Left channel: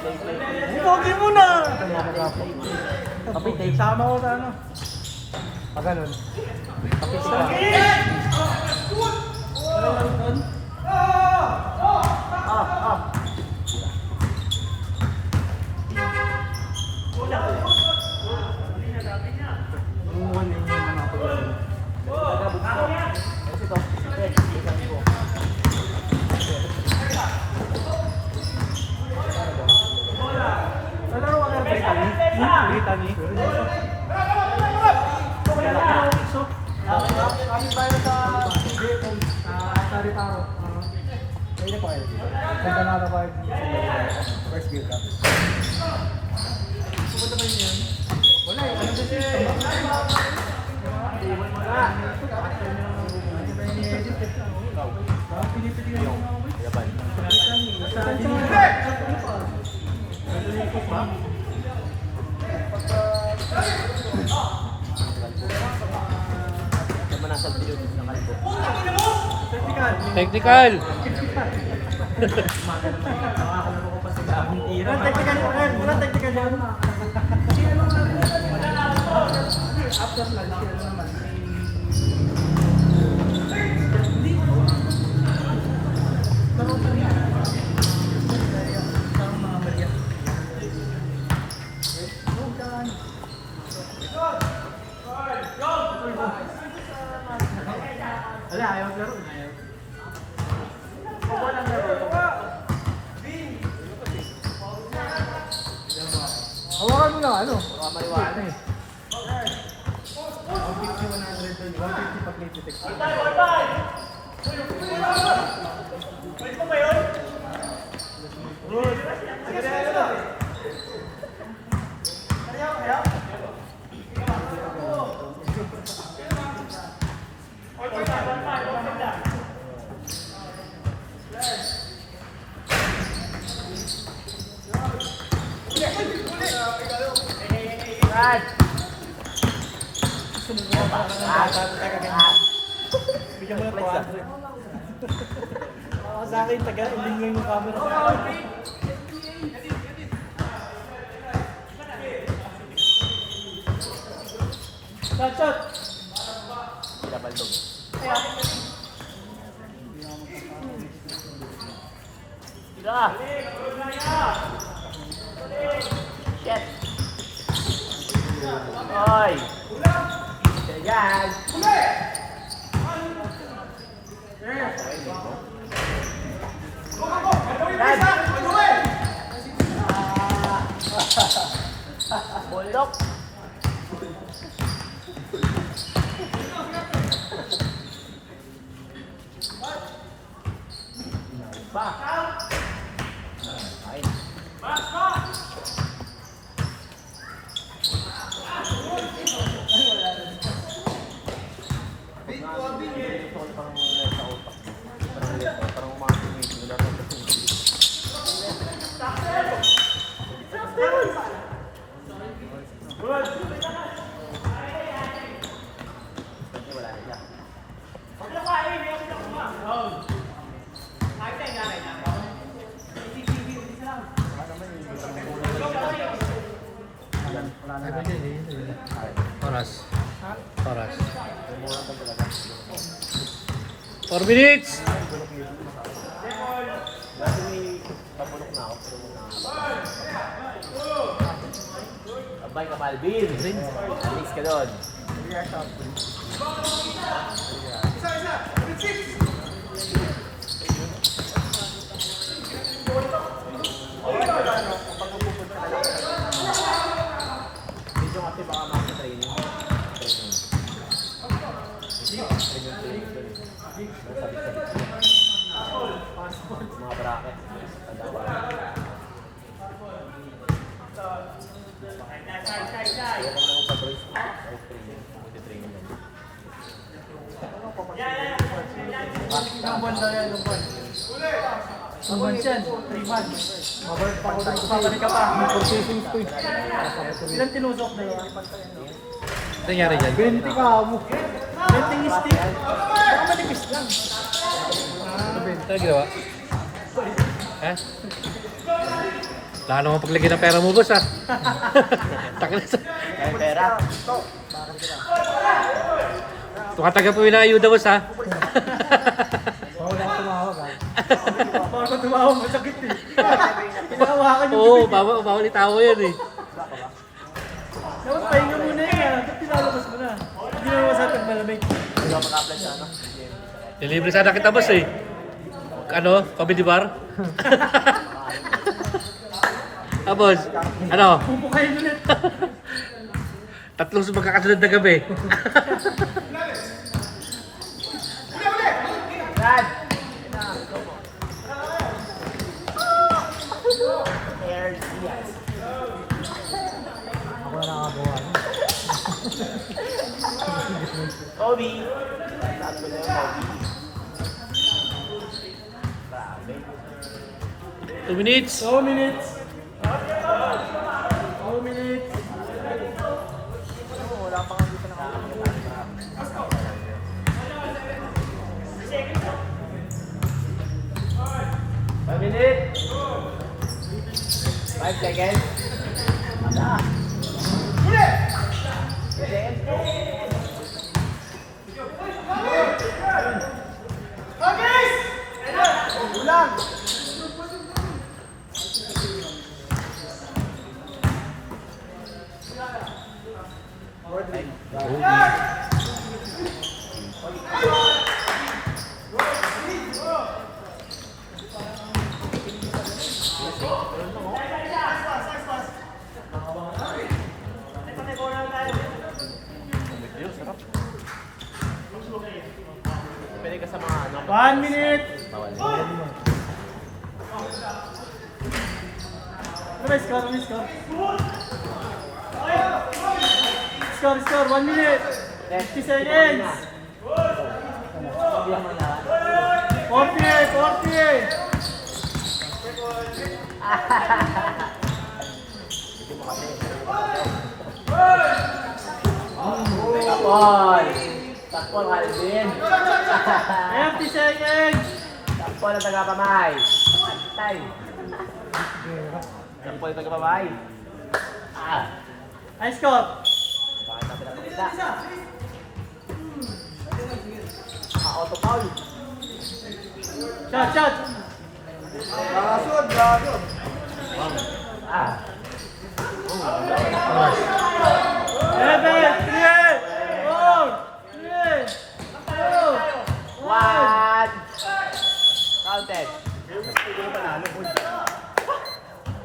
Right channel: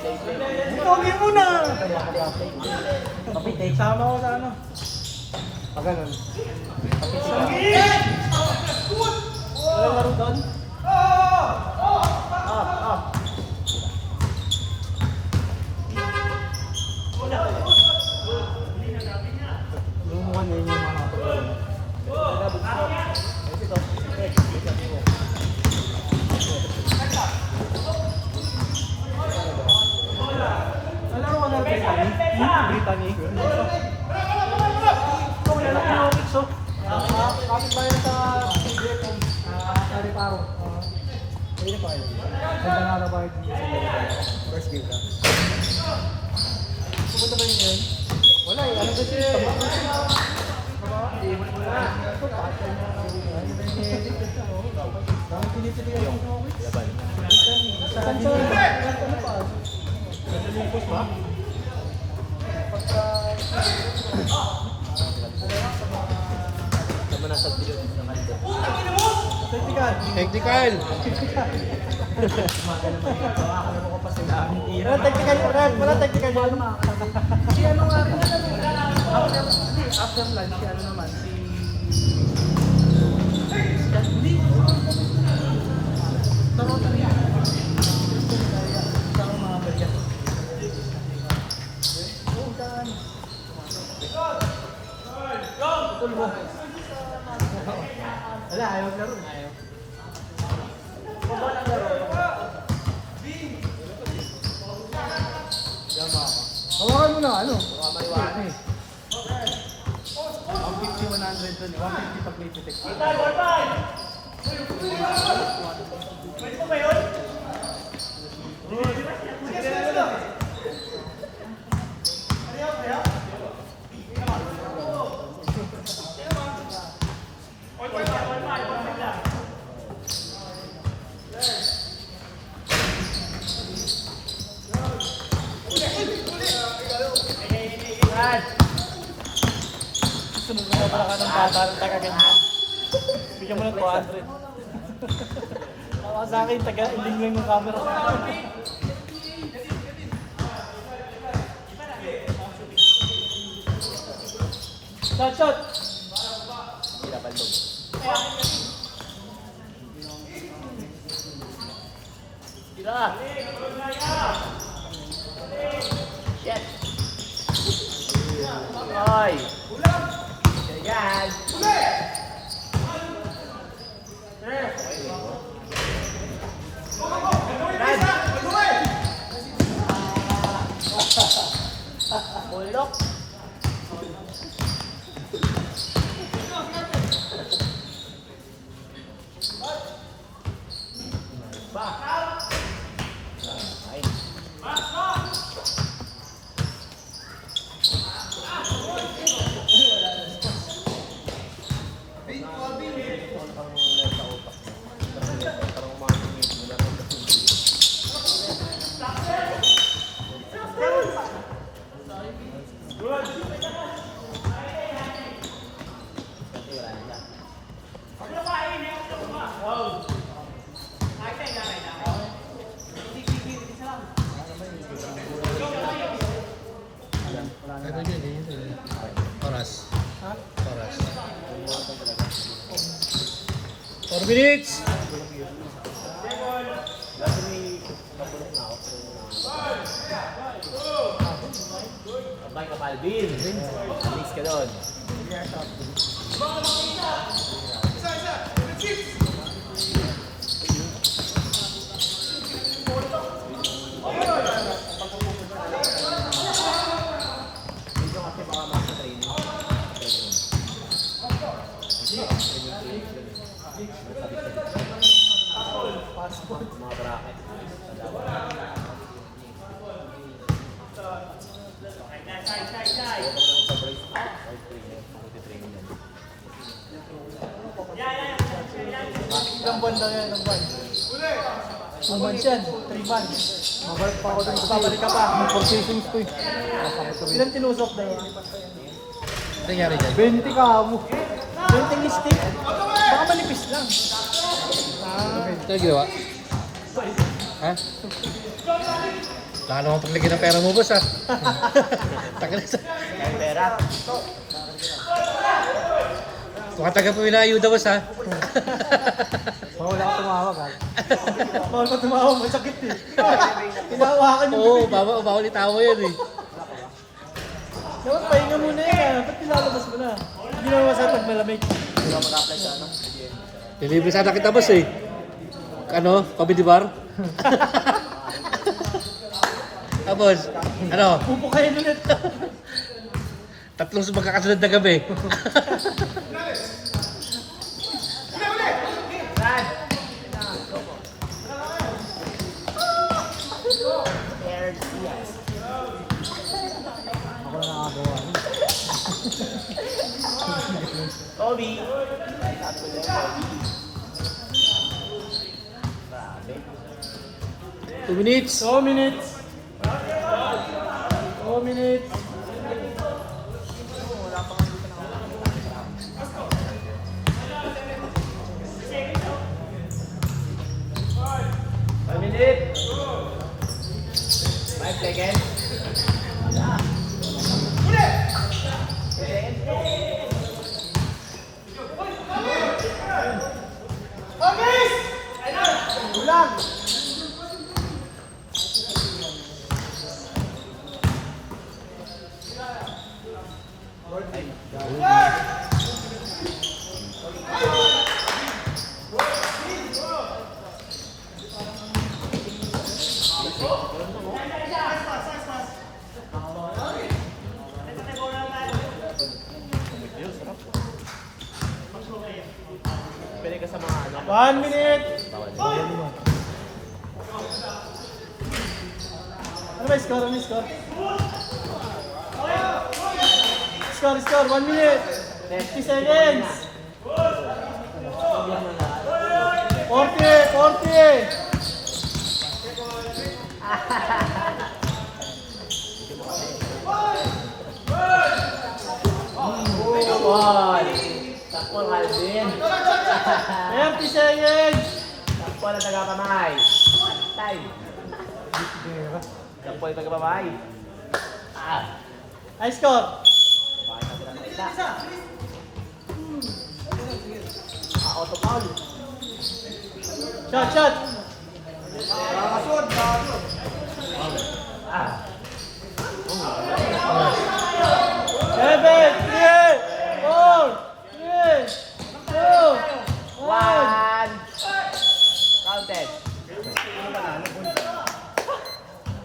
Ito muna! Sama ko sa ano. Ganun. Nalaro ka na Brittany? Brittany? Ito ko nalaro yung weeks oh. Ayun tayo sa Sariparo. Ayun na po ayun. Santa Nara Park. First game ka. Wala eh. Ano din Technical! Wala technical dyan. Kasi ano nga, after lunch, ano naman, hindi ko Toronto rin. Wala, ayaw na rin. Ayaw. Hawakan mo na ano? Ang 50-100 doon, 150 pag may detect. Sunod mo na pala ka ng bata ng taga-ganyan. Bigyan mo na 200. Baka sa akin, taga-ending lang yung camera. Shot, shot! Oras. Oras. 4 minutes! Abay ka, Malvin. Alis ka doon. Mga bracket. Months yan, 3 months. Mabalik pa ako dun kasi Babalik ka pa. may purchasing ko eh. Ilan tinusok na yun? Ano nangyari dyan? 20 ka mo. 20 stick. Baka manipis lang. Ito yung ginawa? Ha? Wala naman paglagay ng pera mo, boss, ha? Takin sa... Kaya pera. Tukataga po yung ayuda, boss, ha? Bawal ako tumawag ha. Bawal ka tumawag, masakit eh. Inahawakan yung Oo, bawal itawa yan, eh. Naman, pahinga muna yan. Ba't pinalabas mo na? Hindi naman masaya pag malamig. Nilibre sana kita, boss, eh. Ano? Comedy bar? Tapos, ano? Pupukayin ulit. Tatlong magkakasunod na gabi. Brad! Kobe! 2 minutes. 2 minutes. 2 minutes. Five minutes! 5 seconds. Ada. Pwede ka sa mga ano. 1 minute. Bawal. Ano score? Ano score? Score. 1 minute. 50 seconds. Hindi naman lahat. 40. Takpon! Takpon, Alvin! 50 seconds. Takpon ang tagapamay! Tay! Takpon ang tagapamay! Ah! High score. Bakit ang pinapakita? Auto foul! Shot. Ah!